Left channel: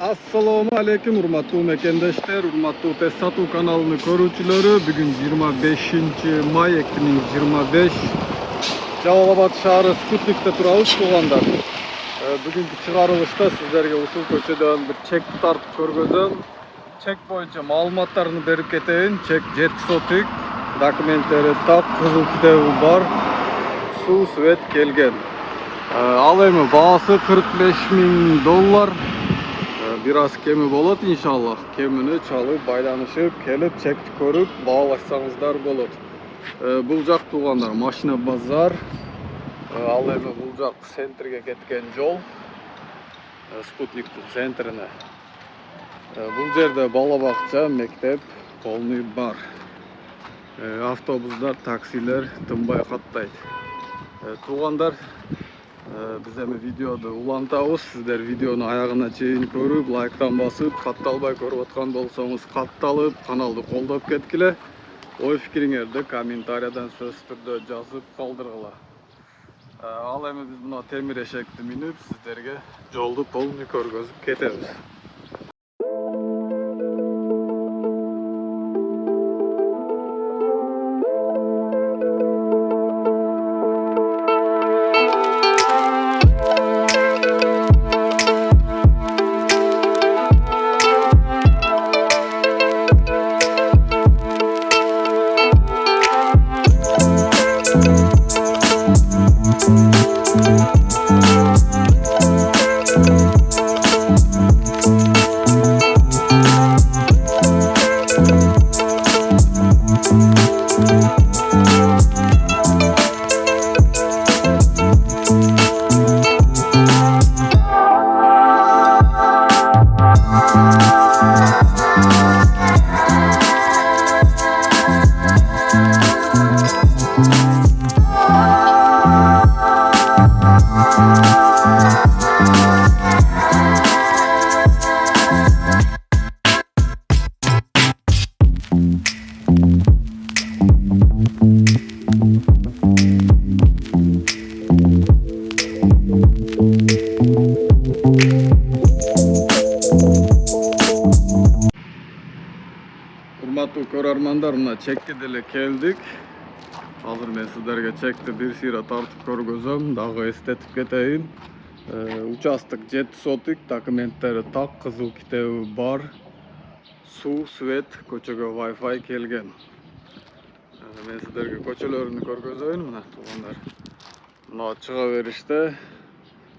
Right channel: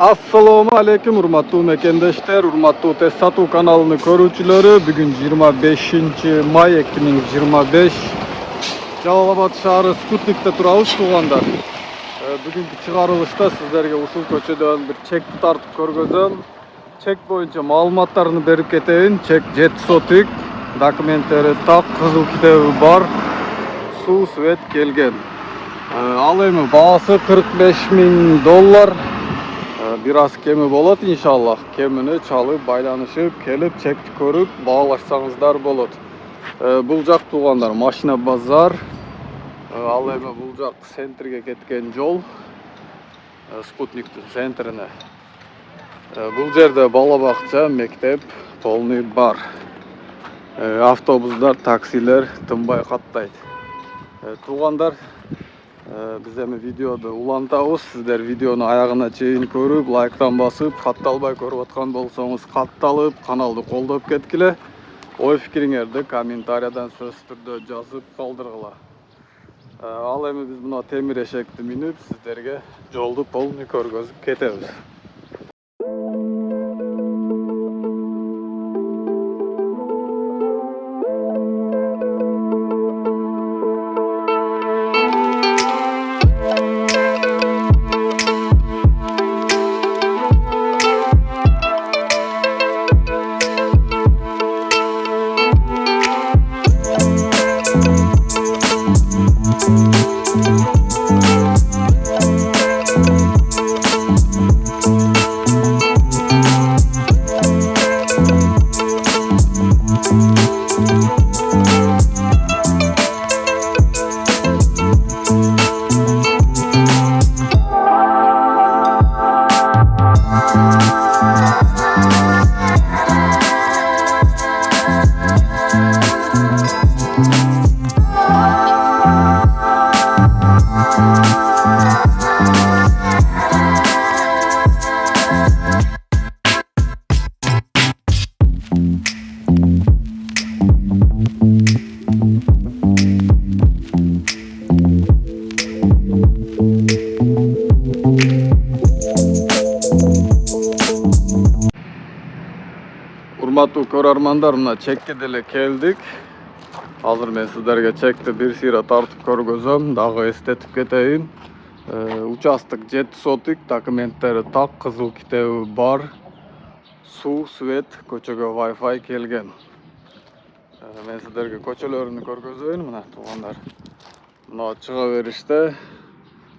Assalomu alaykum urmatli mekendeshler, urmatli tez satuv kanalını ko'ruvchilari. Bugün 25 may 2025. Жалалабад shahri Sputnik'te turamiz tuğanlar. Bugungi chiqarilishda sizlarga ushul ko'chadan bir chekni tartib ko'rgazam. Chek bo'yicha ma'lumotlarni berib ketayin. Chek jet sotik, dokumentlari top, qizil kitobi bor, suv svet kelgan. Al эми бағасы $45.000. Biraz kemi болот inşallah. Kemini çalıp байланышып келип чекти көрүп багалашсаңыздар болот. Бул жак туугандар машина базар. Ал эми бул жак центрге кеткен жол. Спутниктин центрине. Бул жерде бала бакча, мектеп толмой бар. Автобустар, таксилер тынбай каттайт. Туугандар, biz эми видеоду улантабыз. Сиздер видеону аягына чейин көрүп, лайктан басып, катталбай көрүп аткан болсоңуз катталып, каналды колдоп кеткиле. Ой пикириңерди комментариядан сөз түрдө жазып калдыргыла. Ал эми биз мына темир эшекти минип, сиздерге жолду толмой көргөзүп кетебиз. Урматтуу көрөрмандар, мына чекке деле келдик. Азыр мен сиздерге чекти бир сыйра тартып көргөзөм, дагы эстетип кетейин. Участок жет сотик, документтери так, кызыл китеби бар. Суу, свет, көчөгө Wi-Fi келген. Мен сиздерге көчөлөрүнү көргөзөйүн, мына туугандар. Мына чыга бериште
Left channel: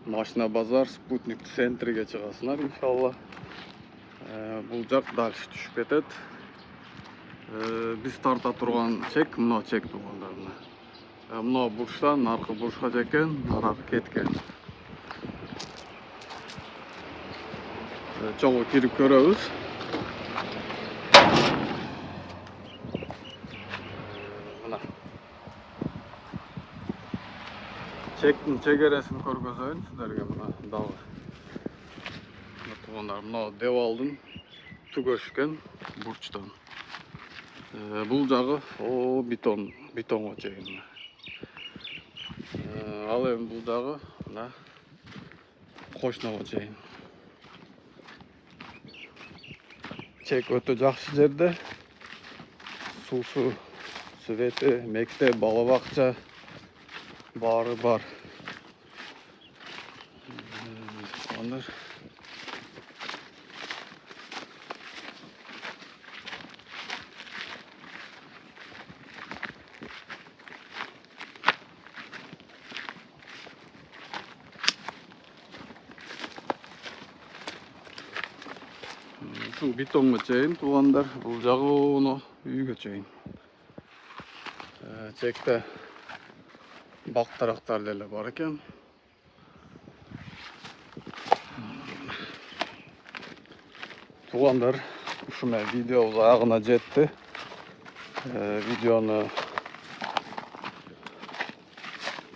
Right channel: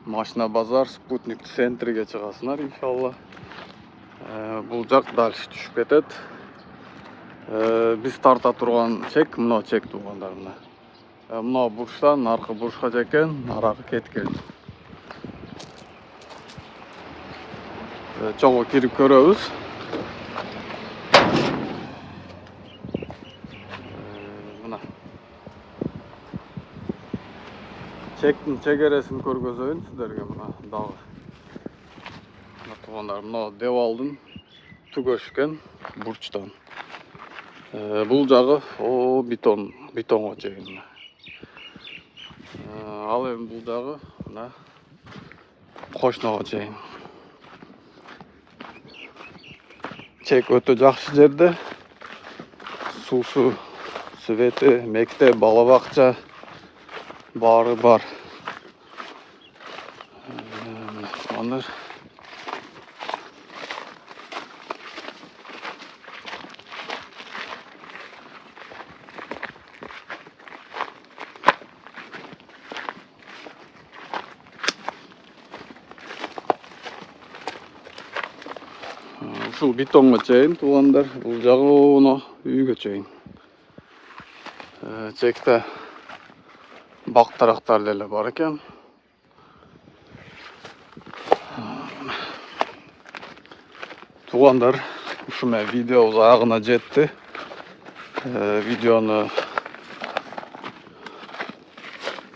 машина базар, Спутник центриге чыгасыңар иншалла. Бул жак дальше түшүп кетет. Биз тарта турган чек мына чек туугандар, мына бурчтан аркы бурчка жекен, аракы кеткен. Чогуу кирип көрөбүз. Мына чектин чегересин көргөзөйүн сиздерге, мына дагы. Мына туугандар, мына девалдын түгөшкен бурчтан. Бул жагы бетонго чейин. Ал эми бул жагы мына кошного чейин. Чек өтө жакшы жерде. Суусу, свети, мектеп, бала бакча баары бар. Анар ушул бетонго чейин туугандар, бул жагы оно үйгө чейин. Чекте бак тарактар деле бар экен. Туугандар, ушу менен видеобуз аягына жетти.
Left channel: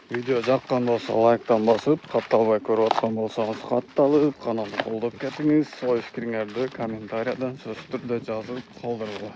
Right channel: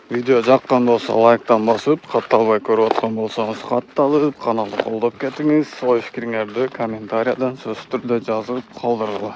Видео жаккан болсо лайктан басып, катталбай көрүп аткан болсоңуз катталып, каналды колдоп кетиңиз. Ой пикириңерди комментариядан сөз түрдө жазып калдыргыла.